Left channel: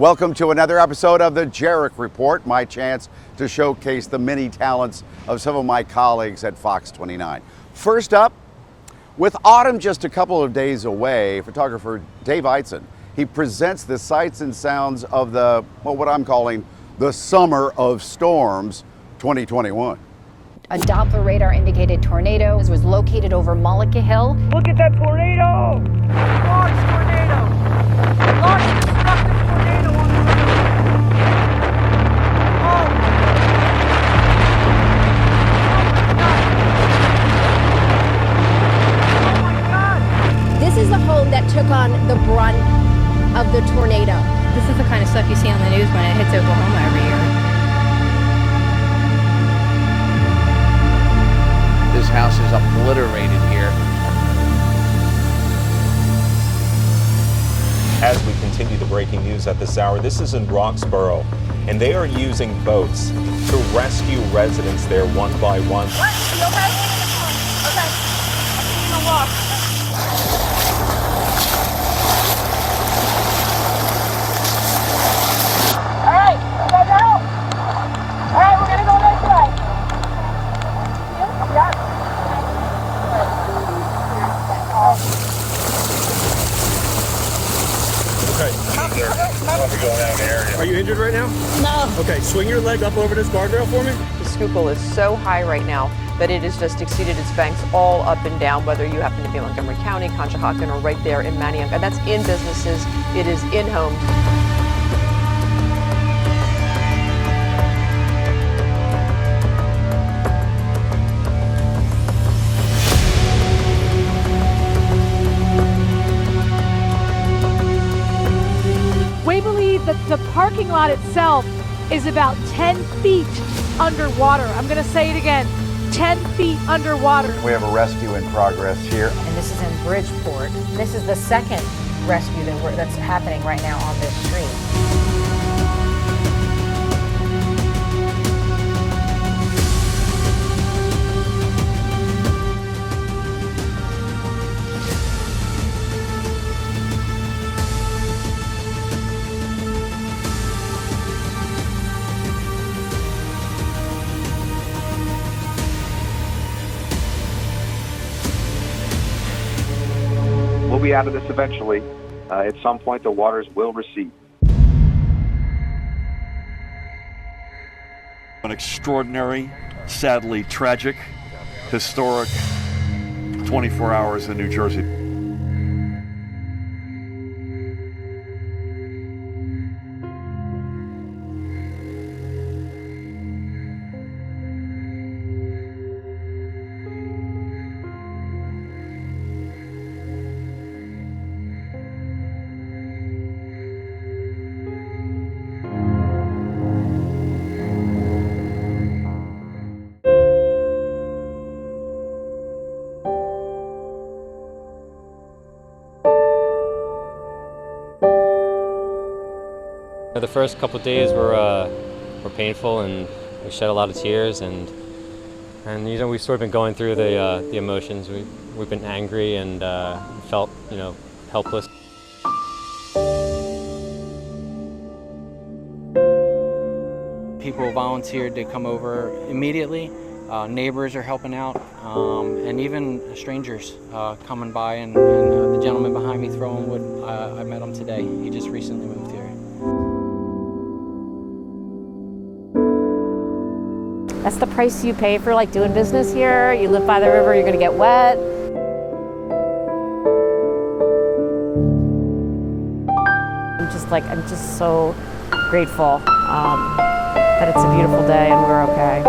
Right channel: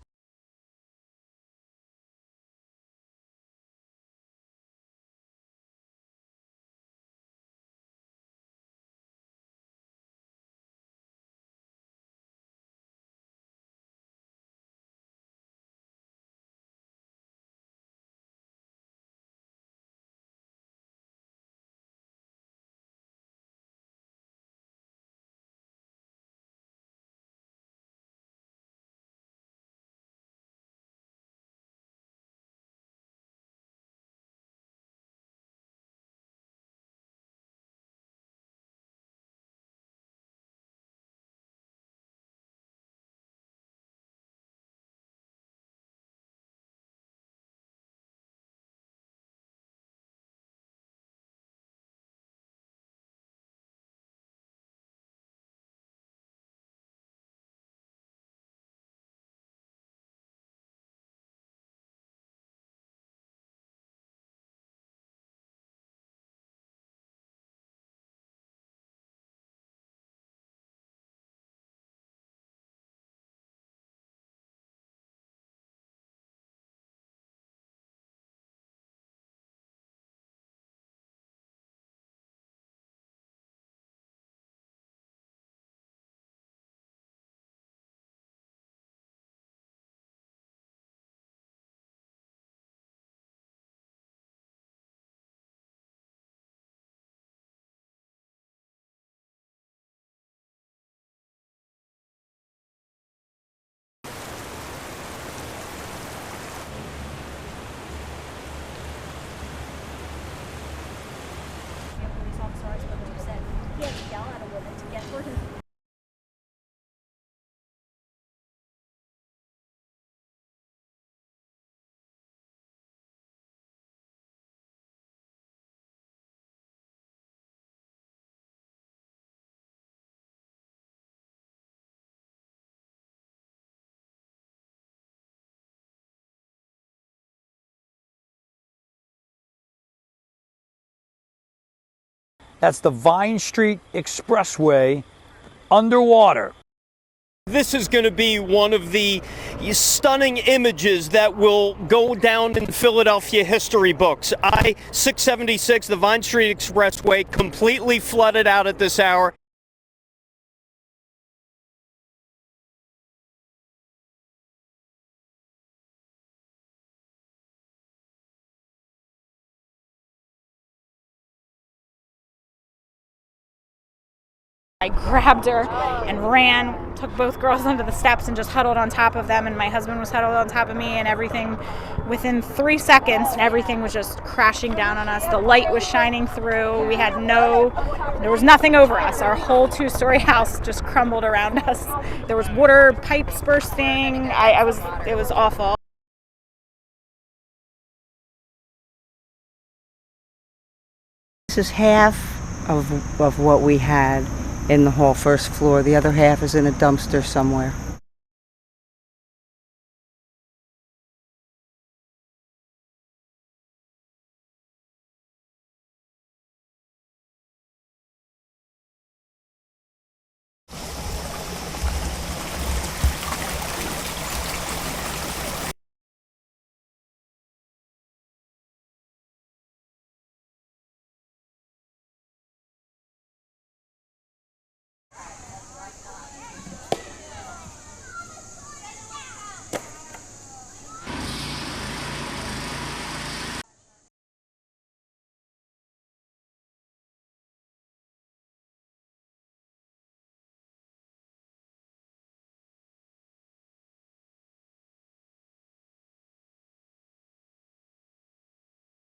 Welcome to another episode of the Jerrick Report, my chance to showcase the many talents of some of my colleagues at Fox 29. First up, with autumn just a couple of days away, photographer Dave Eitzen, he presents the sights and sounds of the, well, what I'm calling the Summer of Storms 2021. A Doppler radar indicated tornado was located over Mullica Hill. Look at that tornado! Large tornado! Large destructive tornado on the river! Oh my God! This is the home that took on the brunt of the tornado. This is the kind of stuff you see on the news when it hits Oklahoma every year. This house is obliterated here. As we continue the breaking news at this hour, this is in Roxborough, and they are using boats to rescue residents there one by one. What? You okay? Okay. I'm taking a walk. All right, you guys out? All right, we're gonna go this way. Yep. Are you injured right now? No. Okay, swing your leg up over this guardrail for me. The Schuylkill is so high right now that it has just exceeded its banks all up and down, whether you happen to be in Montgomery County, Conshohocken, or right there in Manayunk. And that's in businesses, it is in homes. We believe that the parking lot itself is about 10 feet underwater. I'm going to say it again, 10 feet underwater. We have a rescue in progress here. And this is in Bridgeport. This is the second rescue that's happening right now on this street. That's the Vine Street Expressway underwater. This is going to be one of the stunning images that will go down in Philadelphia history books. I-676, the Vine Street Expressway, completely flooded out at this hour. We'll be out of this eventually. At some point, the waters will recede. An extraordinary, sadly tragic, historic 24 hours in New Jersey. I grabbed her and ran, took both girls onto the steps and just huddled on top of them, and my husband was huddled on top of me, and everything, within 3 seconds, everything was just crashing down on us. The light was shining through. There was nothing over us. Our whole 2-story house just crumbled around us. There was water pipes bursting. It was awful. This is half of what we had in the hall, first floor. The other half is in a dumpster somewhere. The first couple of days were painful, and we shed a lot of tears, and you know, we've sort of been going through the emotions. We've been angry and felt, you know, helpless. People volunteered to come over immediately. Neighbors are helping out, and even strangers coming by, and the gentleman behind me throwing wood, I met him today. He just recently moved here. That's the price you pay for like doing business here. You live by the river, you're going to get wet. I'm just so grateful that it's a beautiful day and we're okay.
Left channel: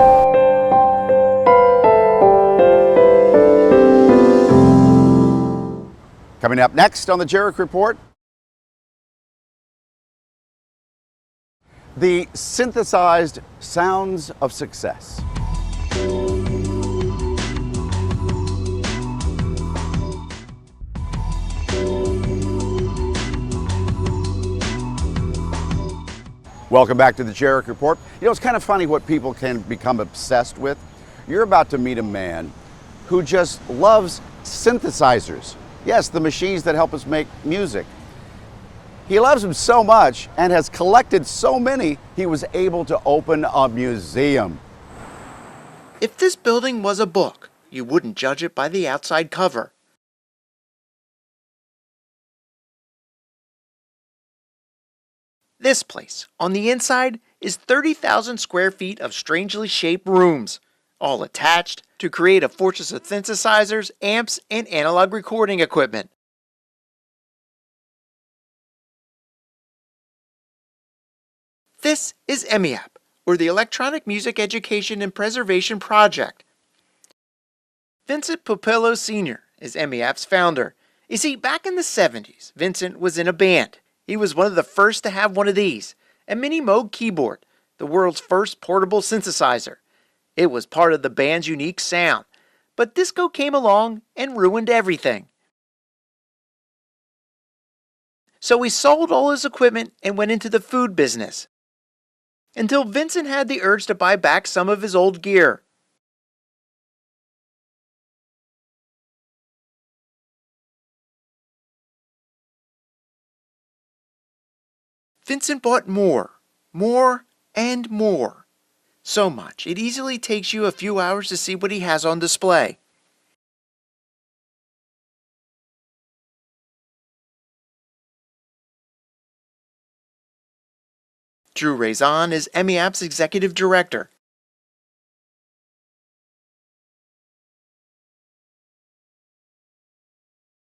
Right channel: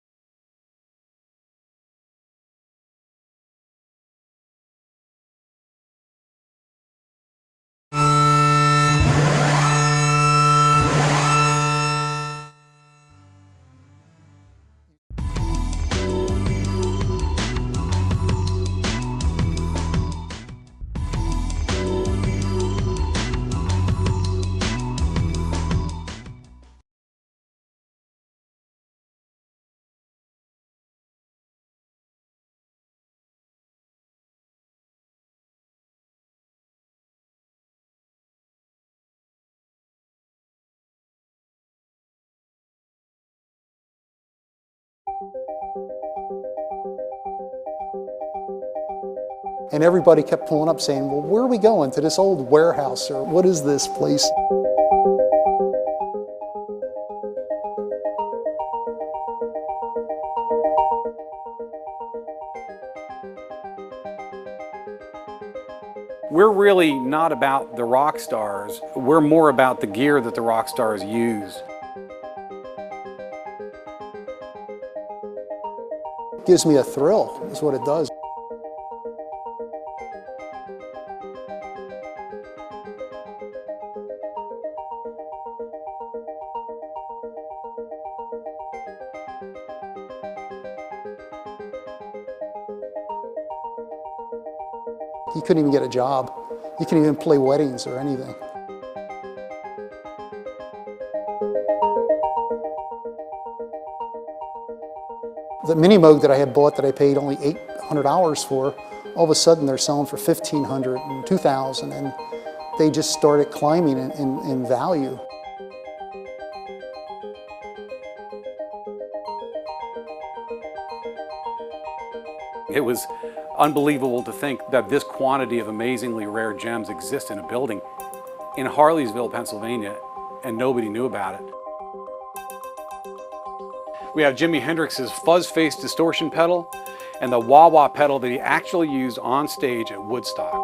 Coming up next on the Jerrick Report, the synthesized sounds of success. Welcome back to the Jerrick Report. You know, it's kind of funny what people can become obsessed with. You're about to meet a man who just loves synthesizers. Yes, the machines that help us make music. He loves them so much and has collected so many, he was able to open a museum. If this building was a book, you wouldn't judge it by the outside cover. And everybody kept pulling up saying, well, where are we going? To this old warehouse, or what is this place? This place, on the inside, is 30,000 square feet of strangely shaped rooms, all attached to create a fortress of synthesizers, amps, and analog recording equipment. We're really not about the rock stars. We're more about the gear that the rock stars use. This is Emmy App, or the Electronic Music Education and Preservation Project. It gives me a thrill, is what it does. Vincent Popillo Sr. is Emmy App's founder. You see, back in the 70s, Vincent was in a band. He was one of the first to have one of these, a Mini Moog keyboard, the world's first portable synthesizer. It was part of the band's unique sound. But disco came along and ruined everything. You couldn't even get a job. You couldn't even play weddings or anything. So he sold all his equipment and went into the food business. Until Vincent had the urge to buy back some of his old gear. The Mini Moog that I had bought that I paid only $800 for, all of a sudden they're selling for $1,500 and $2,000, and they just started climbing in value. Vincent bought more, and more. So much, it easily takes you a few hours to see what he has on display. It was unbelievable to think that this quantity of amazingly rare gems exists in a building in Harleysville, Pennsylvania, and nobody knew about it. Drew Razan is Emmy App's executive director. We have Jimi Hendrix's fuzz-face distortion pedal and the wah-wah pedal that he actually used on stage at Woodstock.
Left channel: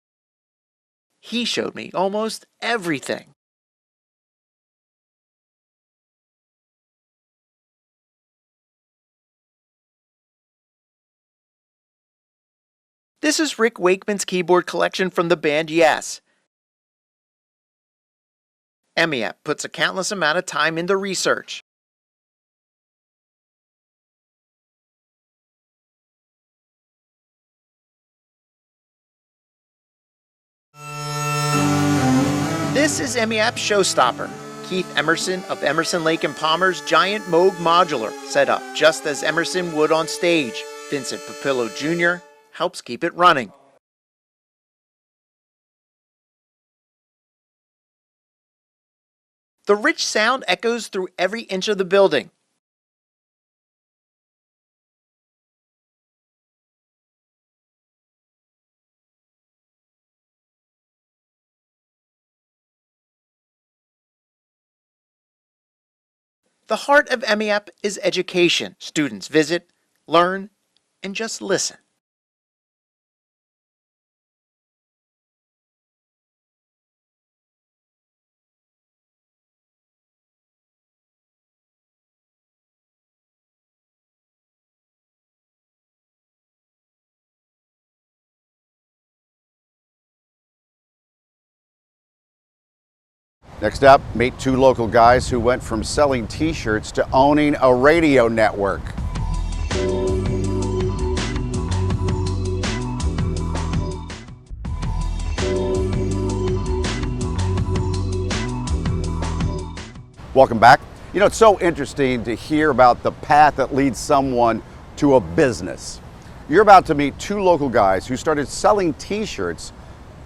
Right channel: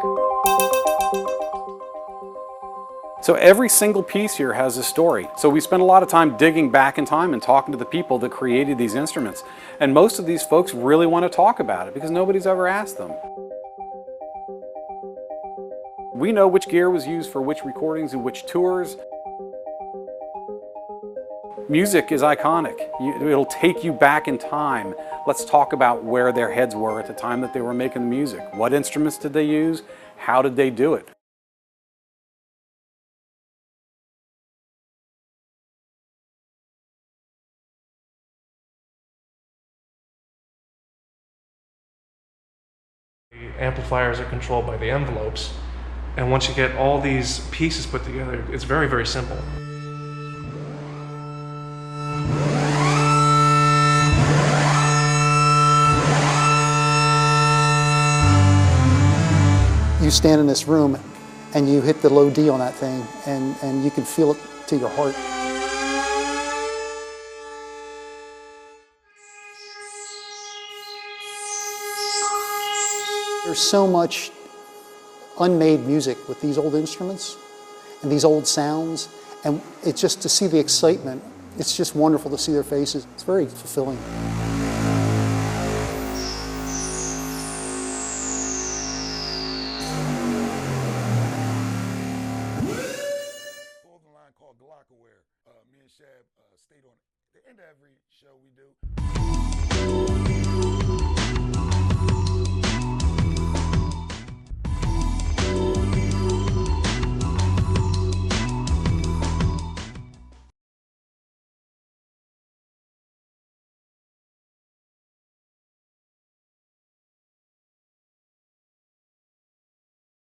He showed me almost everything. So every single piece here has a story. So we spent a lot of time digging back in time and talking to the people that created these instruments. And most of these folks really want to talk about it because nobody's ever asked them. This is Rick Wakeman's keyboard collection from the band Yes. We know which gear was used for which recordings and which tours. Emmy App puts a countless amount of time into research. Music is iconic. It'll take you back in time. Let's talk about where their heads were at the time that they were making the music. What instruments did they use? How did they do it? This is Emmy App's showstopper. Keith Emerson of Emerson, Lake and Palmer's giant Moog modular, set up just as Emerson would on stage. Vincent Popillo Jr. helps keep it running. Amplifiers are controlled by the envelopes, and once you get all these pieces put together, it's very, very simple. The rich sound echoes through every inch of the building. You stand in this room and you hit the low D on that thing, and you can feel it to your heart. The heart of Emmy App is education. Students visit, learn, and just listen. There's so much unmade music with these old instruments and these old sounds, and it's just to see the excitement. It's just wonderful to see their faces. It's very fulfilling. Next up, meet two local guys who went from selling t-shirts to owning a radio network. Welcome back. You know, it's so interesting to hear about the path that leads someone to a business. You're about to meet two local guys who started selling t-shirts,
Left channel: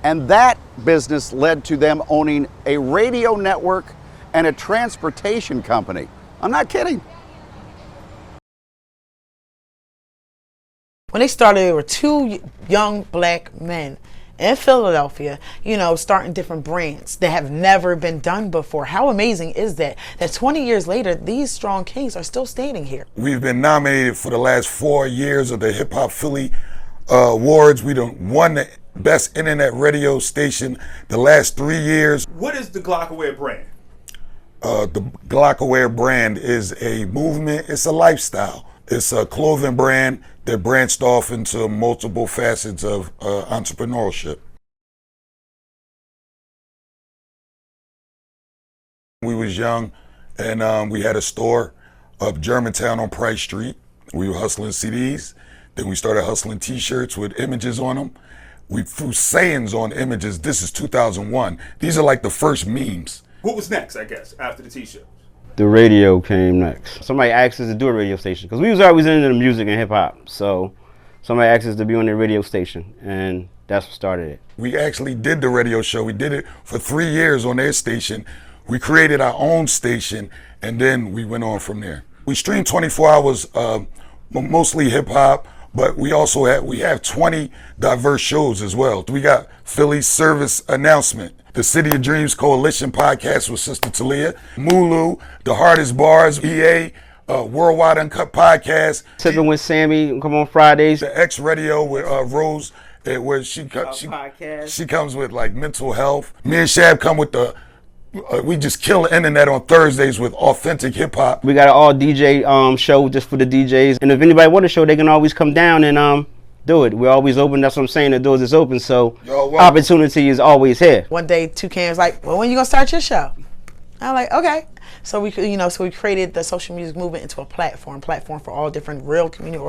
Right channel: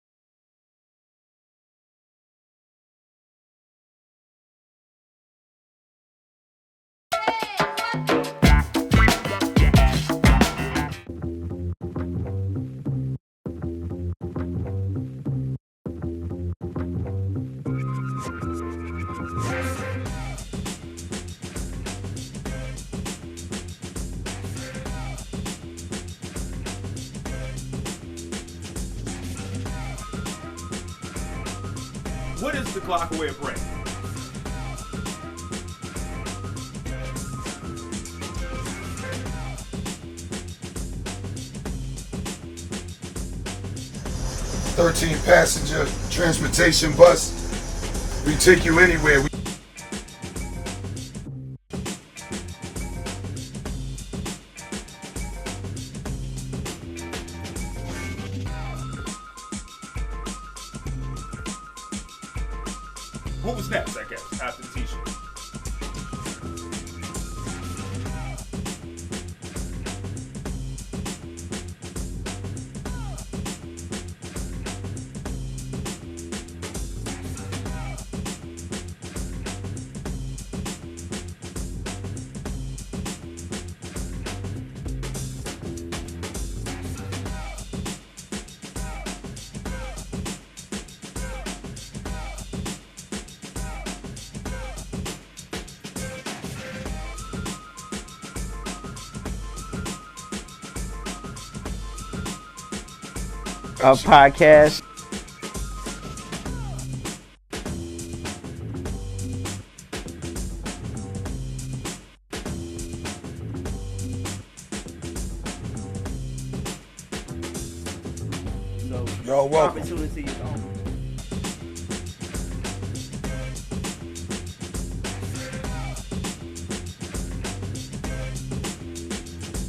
and that business led to them owning a radio network and a transportation company. I'm not kidding. When they started, there were two young black men in Philadelphia, you know, starting different brands that have never been done before. How amazing is that? That 20 years later, these strong kings are still standing here. We've been nominated for the last 4 years of the Hip Hop Philly Awards. We done won the Best Internet Radio Station the last 3 years. What is the Glockaware brand? The Glockaware brand is a movement, it's a lifestyle. It's a clothing brand that branched off into multiple facets of entrepreneurship. 13-passenger transportation bus. We take you anywhere. We was young, and we had a store up Germantown on Price Street. We were hustling CDs. Then we started hustling t-shirts with images on them. We threw sayings on images. This is 2001. These are like the first memes. What was next, I guess, after the t-shirt? The radio came next. Somebody asked us to do a radio station because we was always into the music and hip hop. So somebody asked us to be on the radio station, and that's what started it. We actually did the radio show. We did it for 3 years on their station. We created our own station, and then we went on from there. We stream 24 hours, mostly hip hop, but we have 20 diverse shows as well. We got Philly's Service Announcement, the City of Dreams Coalition podcast with Sister Talia, Mulu, The Hardest Bars, EA, Worldwide Uncut Podcast. Tipping with Sammy, come on Fridays. The X Radio with Rose, where she podcast. She comes with like mental health. Me and Shab come with we just kill the internet on Thursdays with authentic hip hop. We got an all DJ show just for the DJs. And if anybody want a show, they can always come down and do it. We're always open. That's what I'm saying. The doors is open. So opportunity is always here. One day, Toucan's like, well, when you gonna start your show? I'm like, okay. So we created the social music movement into a platform for all different real community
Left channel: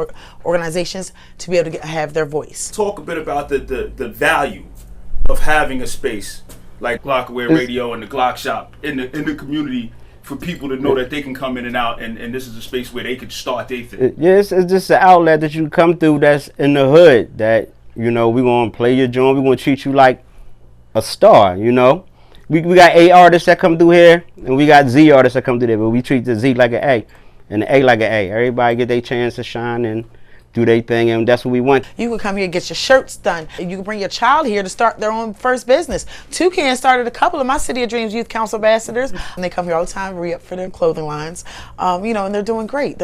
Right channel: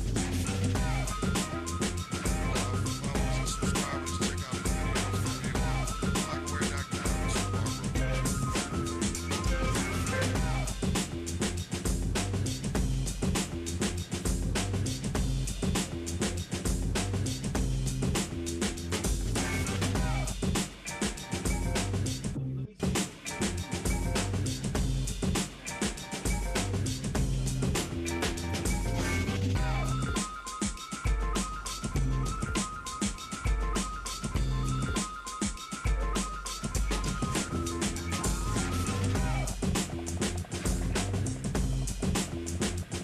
organizations to be able to have their voice. Talk a bit about the value of having a space like Glockaware Radio and the Glock Shop in the community for people to know that they can come in and out, and this is a space where they can start their thing. Yes, it's just an outlet that you come through that's in the hood that, we're going to play your joint. We're going to treat you like a star, We got A artists that come through here, and we got Z artists that come through there, but we treat the Z like an A and the A like an A. Everybody get their chance to shine and do their thing, and that's what we want. You can come here and get your shirts done. You can bring your child here to start their own first business. Toucan started a couple of my City of Dreams Youth Council ambassadors, and they come here all the time, re-up for their clothing lines, and they're doing great.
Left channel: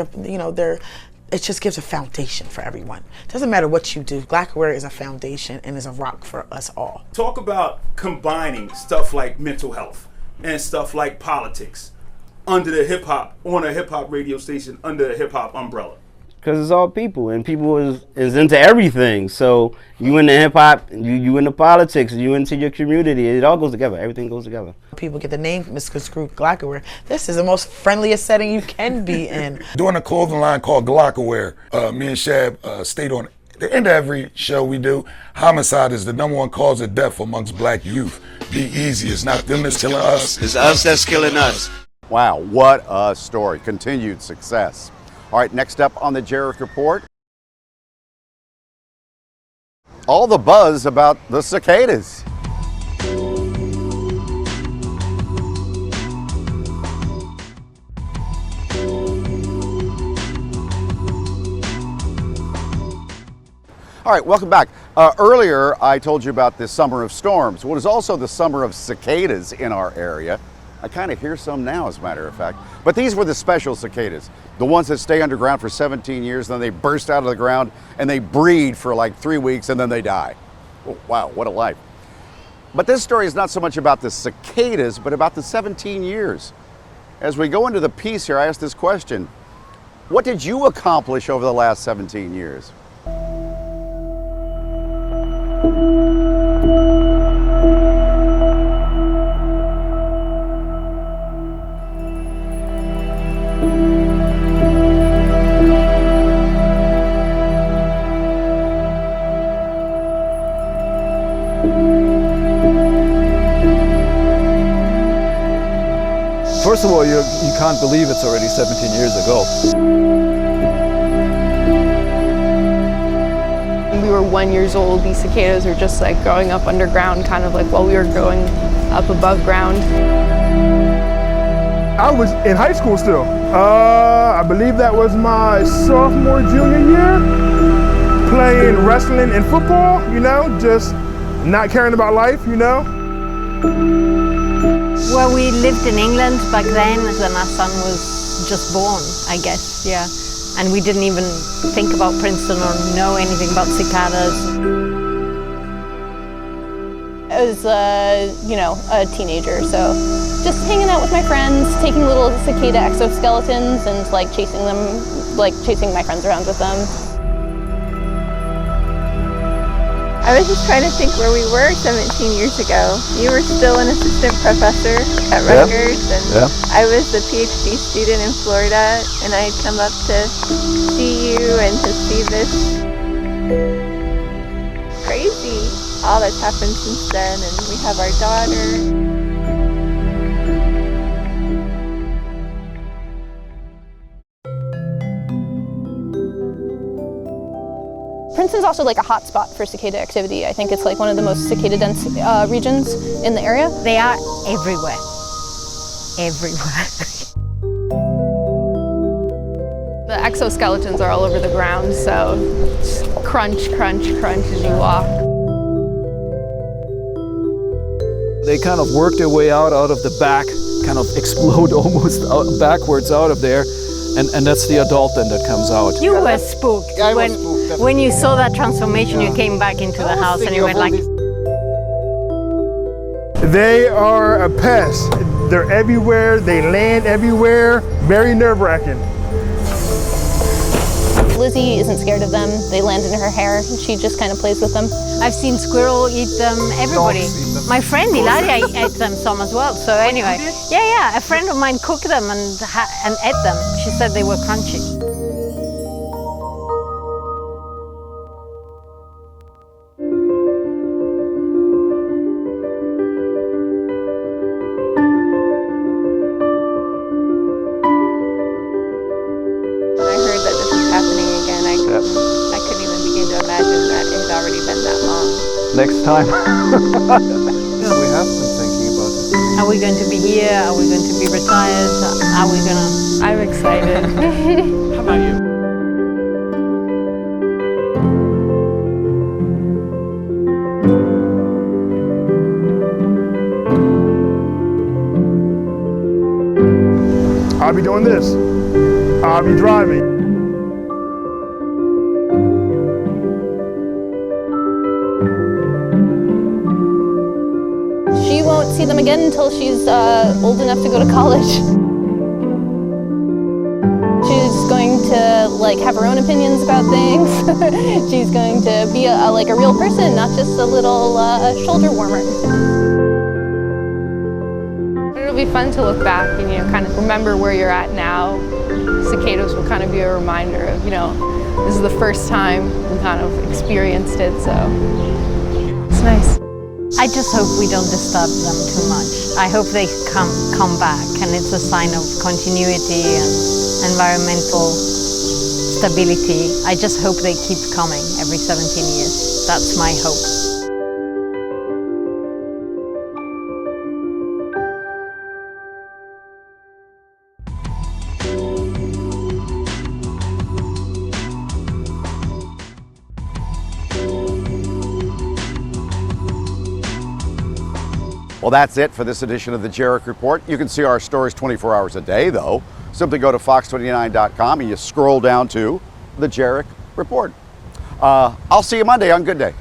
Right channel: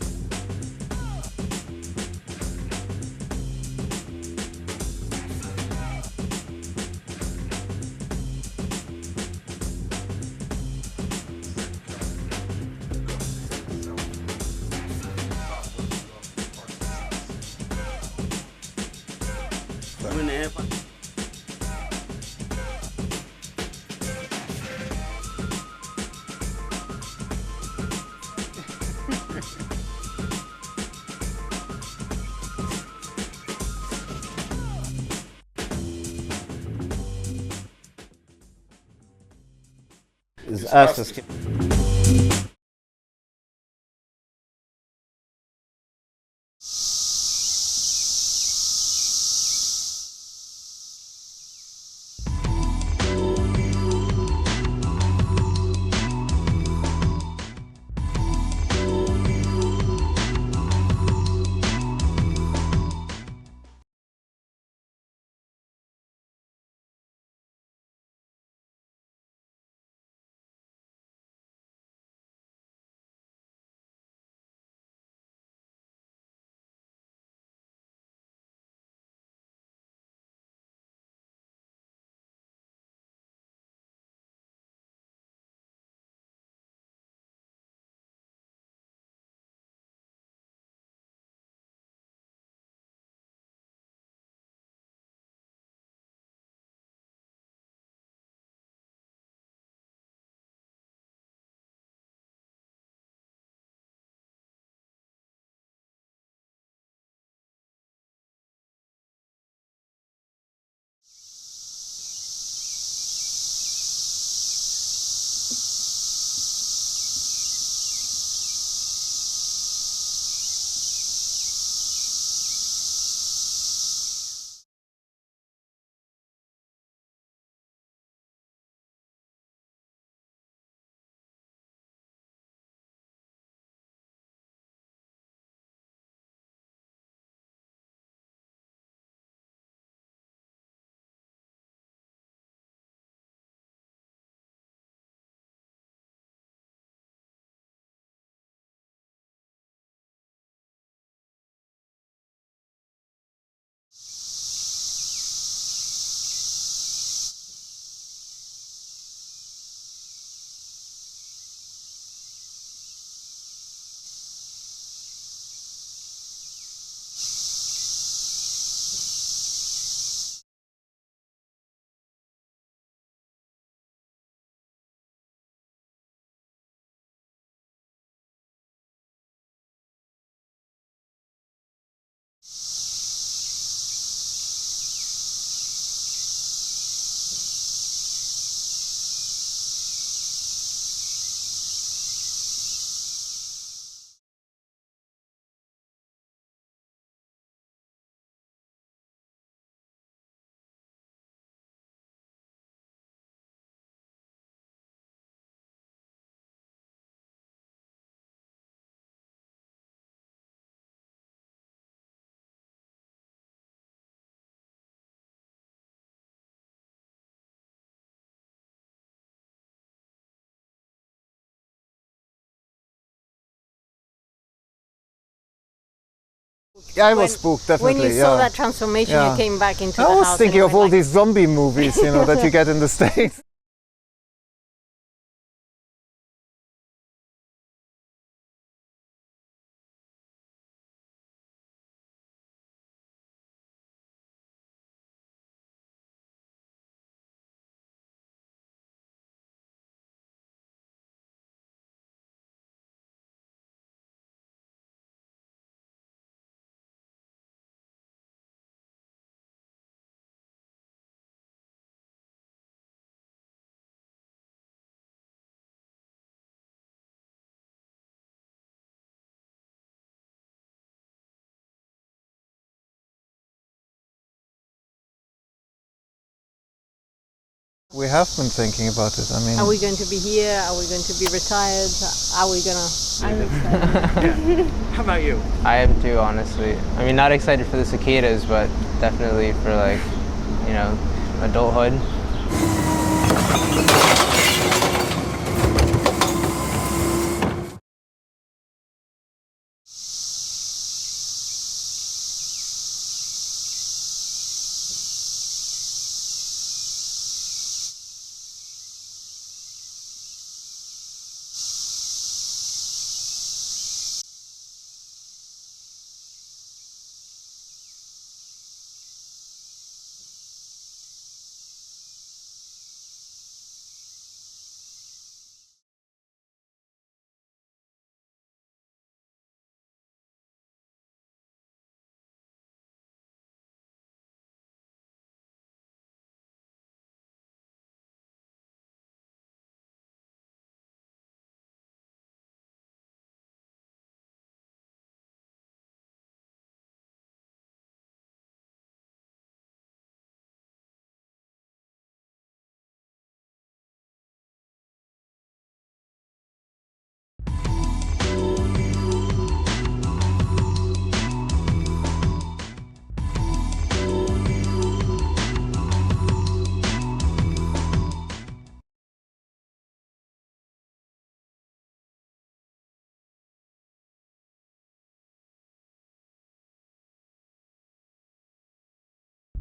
It just gives a foundation for everyone. Doesn't matter what you do, Glockaware is a foundation and is a rock for us all. Talk about combining stuff like mental health and stuff like politics under the hip hop, on a hip hop radio station, under the hip hop umbrella. Because it's all people, and people is into everything. So you into hip hop, you into politics, you into your community. It all goes together. Everything goes together. People get the name misconstrued Glockaware. This is the most friendliest setting you can be in. Doing a clothing line called Glockaware. Me and Shab stayed on the end of every show we do. Homicide is the #1 cause of death amongst black youth. Be easy. It's not them that's killing us. It's us that's killing us. Wow, what a story. Continued success. All right, next up on the Jerrick Report, all the buzz about the cicadas. All right, welcome back. Earlier, I told you about this summer of storms. Well, it is also the summer of cicadas in our area. I kind of hear some now, as a matter of fact. But these were the special cicadas, the ones that stay underground for 17 years, then they burst out of the ground and they breed for like 3 weeks and then they die. Oh, wow, what a life. But this story is not so much about the cicadas, but about the 17 years. As we go into the piece here, I asked this question: what did you accomplish over the last 17 years? First of all, you can't believe it's already 17 years ago. When we were 1 year old, these cicadas were just like growing up underground, kind of like while we were growing up above ground. I was in high school still. I believe that was my sophomore, junior year, playing wrestling and football, just not caring about life, Well, we lived in England back then when our son was just born, I guess, yeah. And we didn't even think about Princeton or know anything about cicadas. I was, a teenager, so just hanging out with my friends, taking little cicada exoskeletons and chasing them, chasing my friends around with them. I was just trying to think where we were 17 years ago. You were still an assistant professor at Rutgers, and I was a PhD student in Florida, and I had come up to see you and to see this. Crazy, all that's happened since then, and we have our daughter. also like a hot spot for cicada activity. I think it's like one of the most cicada dense regions in the area. They are everywhere. Everywhere. The exoskeletons are all over the ground, so just crunch, crunch, crunch as you walk. They kind of work their way out of the back, kind of explode almost backwards out of there, and that's the adult then that comes out. You were spooked. I was spooked, definitely. When you saw that transformation, you came back into the house and you went all like... these zombie movies, you know, that you get in the States. They are a pest. They're everywhere. They land everywhere. Very nerve-wracking. Lizzie isn't scared of them. They land in her hair. She just kind of plays with them. I've seen squirrel eat them, everybody. My friend Ilaria ate them some as well. So anyway, yeah, a friend of mine cooked them and ate them. She said they were crunchy. When I heard that this was happening again, I couldn't even begin to imagine that it had already been that long. Next time. Yeah, we have been thinking about it. Are we going to be here? Are we going to be retired? Are we going to... I'm excited. How about you? I am too, honestly. I mean, not excited for the cicadas, but definitely for, like, you know, adulthood. I'll be doing this. I'll be driving. She won't see them again until she's old enough to go to college. She's going to like have her own opinions about things. She's going to be like a real person, not just a little shoulder warmer. It'll be fun to look back and, you know, kind of remember where you're at now. Cicadas will kind of be a reminder of, you know, this is the first time we kind of experienced it, so it's nice. I just hope we don't disturb them too much. I hope they come back, and it's a sign of continuity and environmental stability. I just hope they keep coming every 17 years. That's my hope. Well, that's it for this edition of the Jerrick Report. You can see our stories 24 hours a day, though. Simply go to fox29.com and you scroll down to the Jerrick Report. I'll see you Monday on Good Day.